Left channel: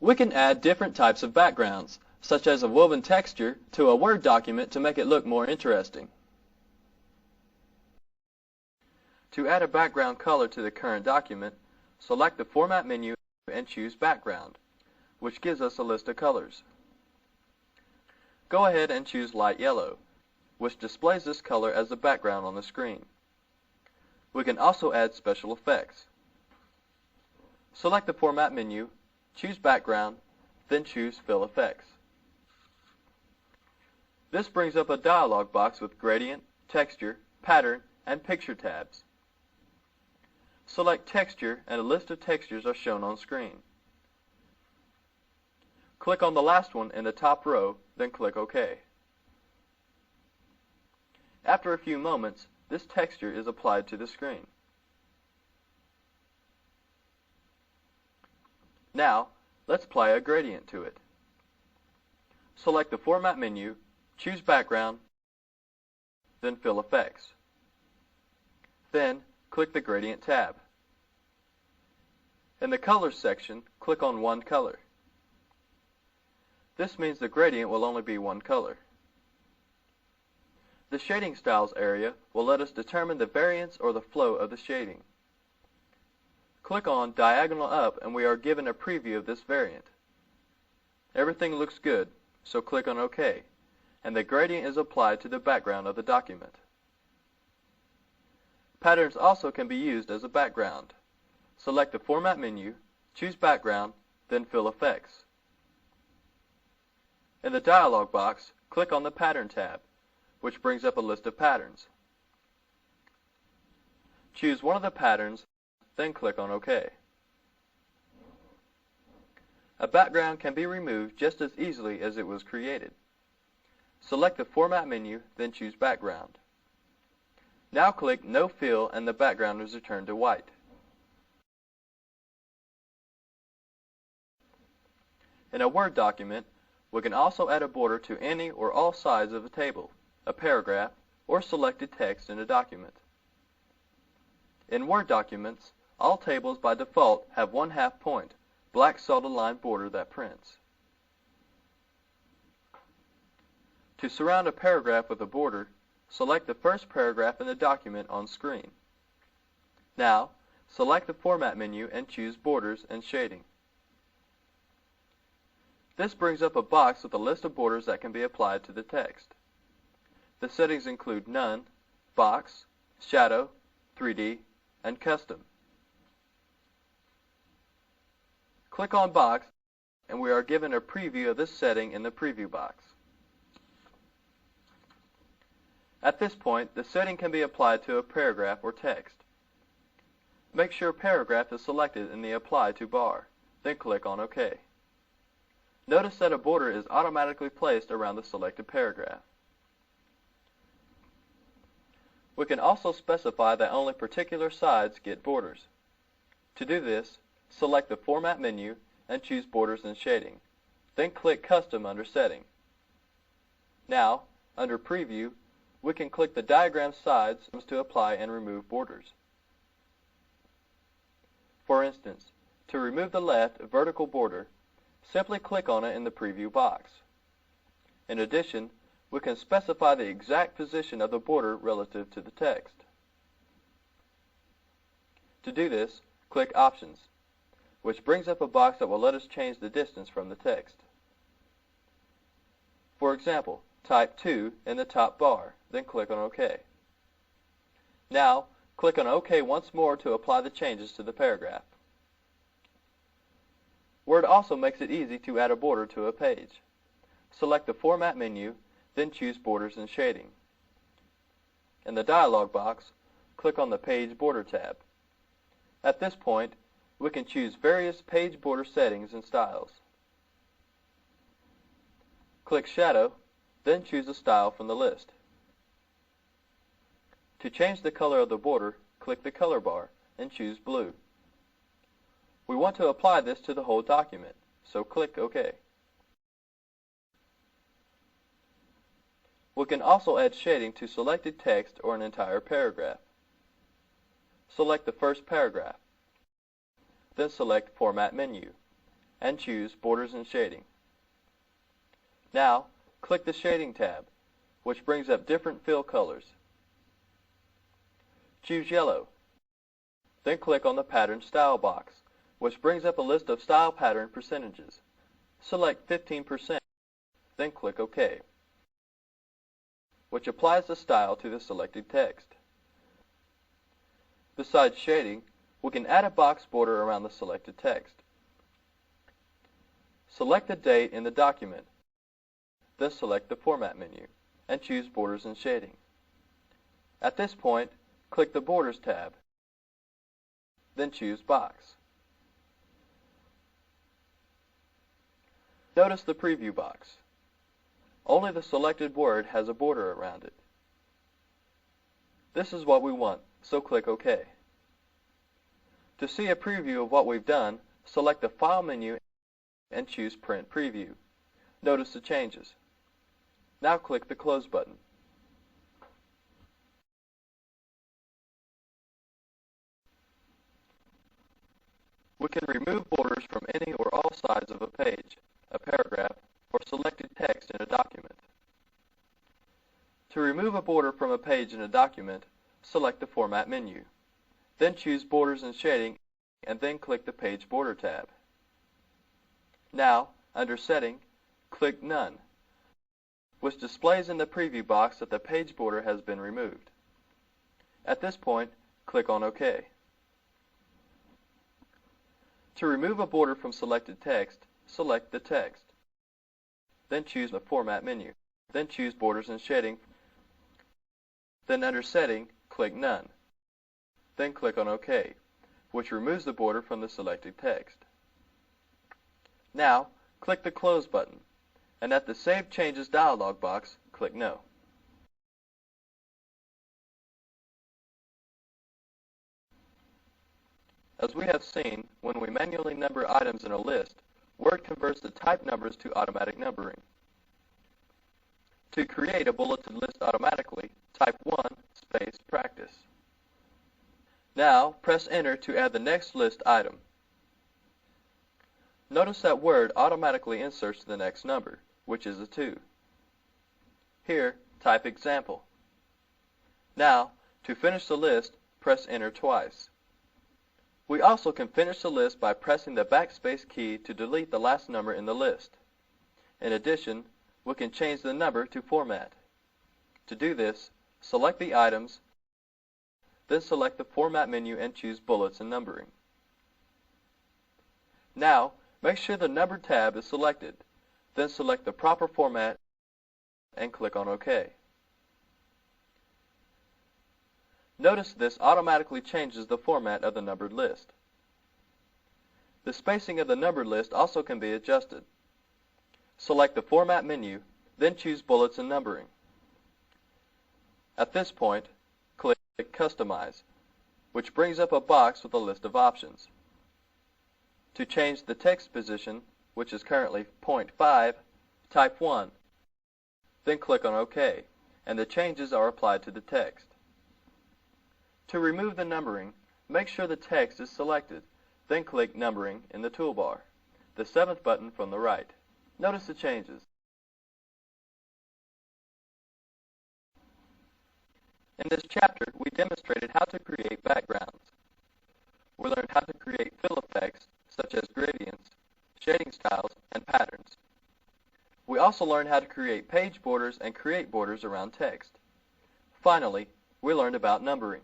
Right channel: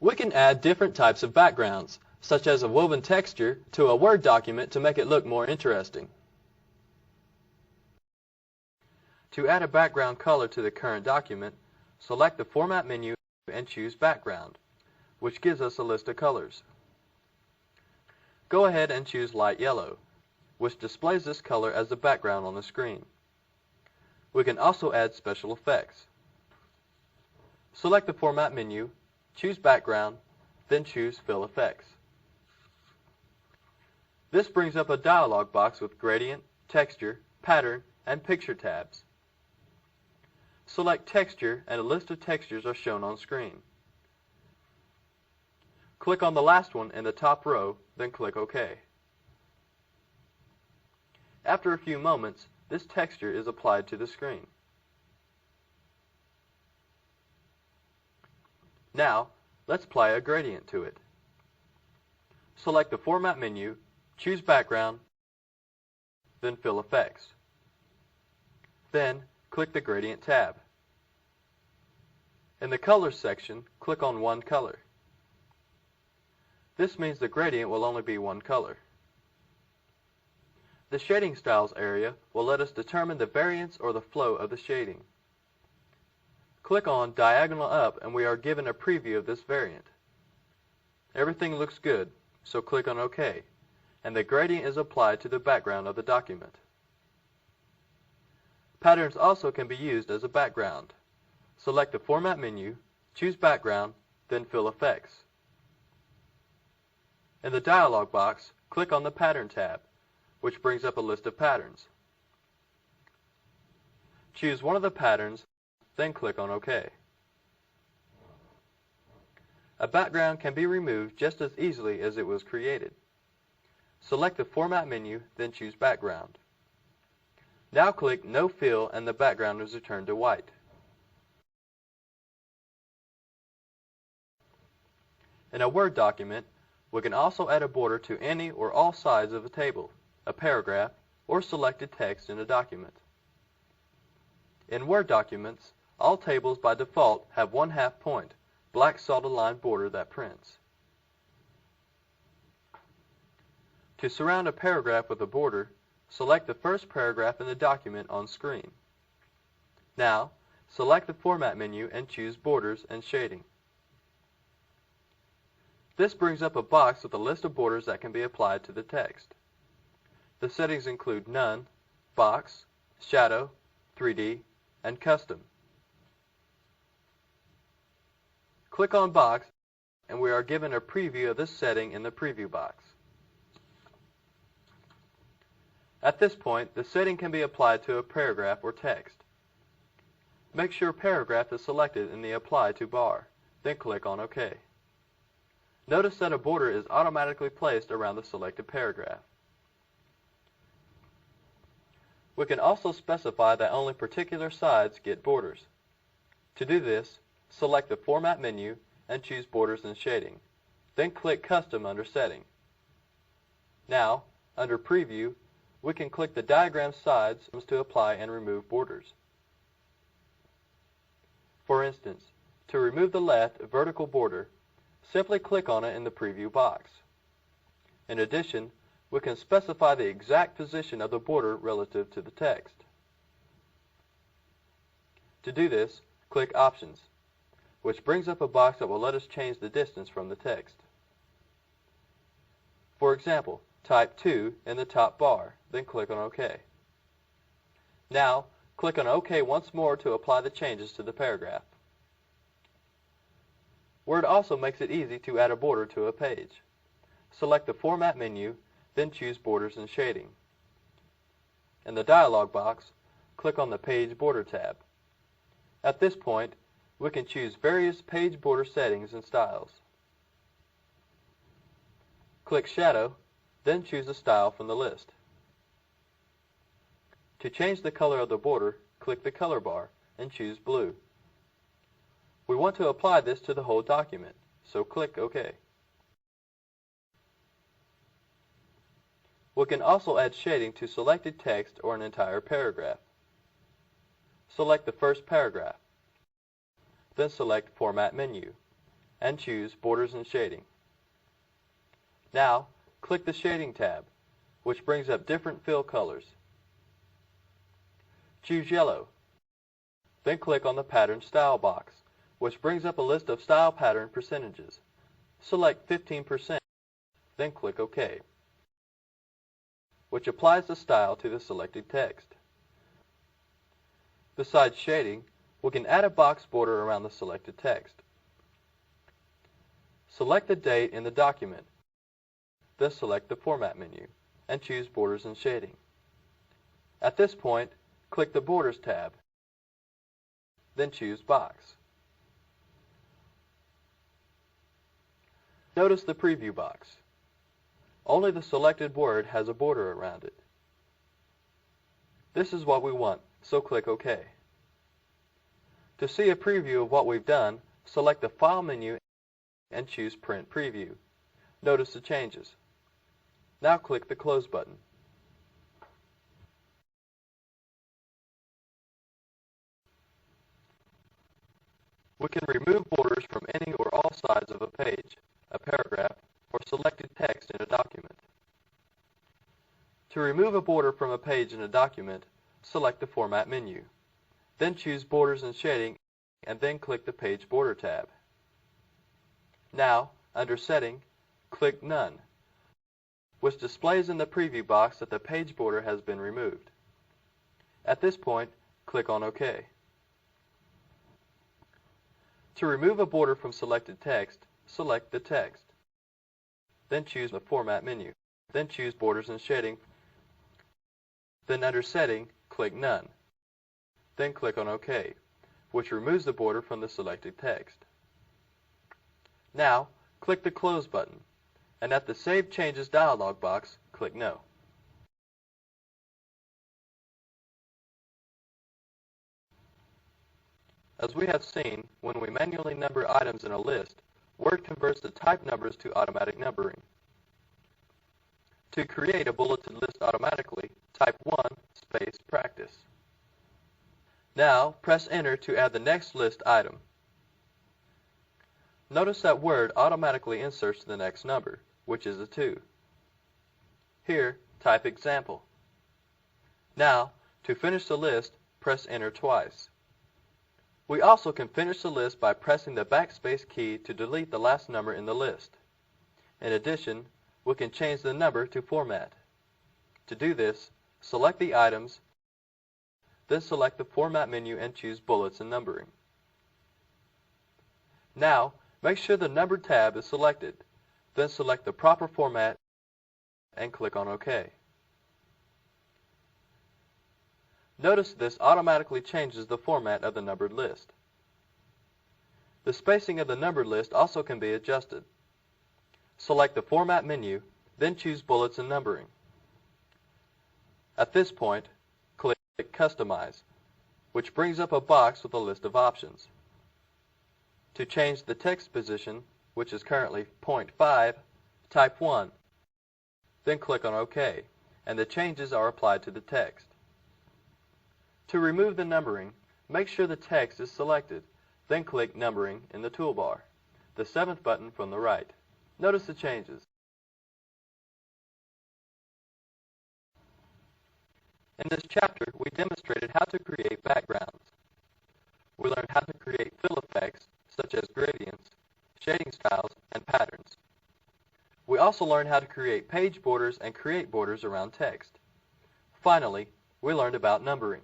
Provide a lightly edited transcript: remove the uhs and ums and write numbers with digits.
We can add different types of backgrounds, such as a woven texture, to a Word document to make it look more interesting. To add a background color to the current document, select the Format menu and choose Background, which gives us a list of colors. Go ahead and choose Light Yellow, which displays this color as the background on the screen. We can also add special effects. Select the Format menu, choose Background, then choose Fill Effects. This brings up a dialog box with Gradient, Texture, Pattern, and Picture tabs. Select Texture, and a list of textures are shown on screen. Click on the last one in the top row, then click OK. After a few moments, this texture is applied to the screen. Now, let's apply a gradient to it. Select the Format menu, choose Background, then Fill Effects. Then, click the Gradient tab. In the Colors section, click on one color. This means the gradient will only be one color. The Shading Styles area will let us determine the variance or the flow of the shading. Click on Diagonal Up and we are given a preview of this variant. Everything looks good, so click on OK, and the gradient is applied to the background of the document. Patterns also can be used as a background. Select the Format menu, choose Background, then Fill Effects. In the dialog box, click on the Pattern tab, which brings up a list of patterns. Choose one of the patterns, then click on OK. A background can be removed just as easily as it was created. Select the Format menu, then choose Background. Now click No Fill and the background is returned to white. In a Word document, we can also add a border to any or all sides of a table, a paragraph, or selected text in a document. In Word documents, all tables by default have 1/2 point, black solid line border that prints. To surround a paragraph with a border, select the first paragraph in the document on screen. Now, select the Format menu and choose Borders and Shading. This brings up a box with a list of borders that can be applied to the text. The settings include None, Box, Shadow, 3D, and Custom. Click on Box, and we are given a preview of this setting in the preview box. At this point, the setting can be applied to a paragraph or text. Make sure Paragraph is selected in the Apply to bar, then click on OK. Notice that a border is automatically placed around the selected paragraph. We can also specify that only particular sides get borders. To do this, select the Format menu and choose Borders and Shading. Then click Custom under Setting. Now, under Preview, we can click the diagram sides to apply and remove borders. For instance, to remove the left vertical border, simply click on it in the preview box. In addition, we can specify the exact position of the border relative to the text. To do this, click Options, which brings up a box that will let us change the distance from the text. For example, type 2 in the top bar, then click on OK. Now, click on OK once more to apply the changes to the paragraph. Word also makes it easy to add a border to a page. Select the Format menu, then choose Borders and Shading. In the dialog box, click on the Page Border tab. At this point, we can choose various page border settings and styles. Click Shadow, then choose a style from the list. To change the color of the border, click the color bar and choose Blue. We want to apply this to the whole document, so click OK. We can also add shading to selected text or an entire paragraph. Select the first paragraph. Then select Format menu. and choose Borders and Shading. Now, click the Shading tab, which brings up different fill colors. Choose Yellow. Then click on the Pattern Style box, which brings up a list of style pattern percentages. Select 15%, then click OK, which applies the style to the selected text. Besides shading, we can add a box border around the selected text. Select the date in the document, then select the Format menu, and choose Borders and Shading. At this point, click the Borders tab, then choose Box. Notice the preview box. Only the selected word has a border around it. This is what we want, so click OK. To see a preview of what we've done, select the File menu and choose Print Preview. Notice the changes. Now click the Close button. We can remove borders from any or all sides of a page, a paragraph, or selected text in a document. To remove a border from a page in a document, select the Format menu. Then choose Borders and Shading, and then click the Page Border tab. Now, under Setting, click None, which displays in the preview box that the page border has been removed. At this point, click on OK. To remove a border from selected text, select the text. Then choose the Format menu. Then choose Borders and Shading. Then under Setting, click None. Then click on OK, which removes the border from the selected text. Now, click the Close button, and at the Save Changes dialog box, click No. As we have seen, when we manually number items in a list, Word converts the type numbers to automatic numbering. To create a bulleted list automatically, type 1 space practice. Now, press Enter to add the next list item. Notice that Word automatically inserts the next number, which is a 2. Here, type Example. Now, to finish the list, press Enter twice. We also can finish the list by pressing the backspace key to delete the last number in the list. In addition, we can change the number to Format. To do this, select the items, then select the Format menu and choose Bullets and Numbering. Now, make sure the Numbered tab is selected, then select the proper format and click on OK. Notice this automatically changes the format of the numbered list. The spacing of the numbered list also can be adjusted. Select the Format menu, then choose Bullets and Numbering. At this point, click Customize, which brings up a box with a list of options. To change the text position, which is currently 0.5, type 1. Then click on OK, and the changes are applied to the text. To remove the numbering, make sure the text is selected, then click Numbering in the toolbar, the 7th button from the right. Notice the changes. In this chapter, we demonstrated how to create backgrounds. We learned how to create fill effects, such as gradients, shading styles, and patterns. We also learned how to create page borders and create borders around text. Finally, we learned about numbering.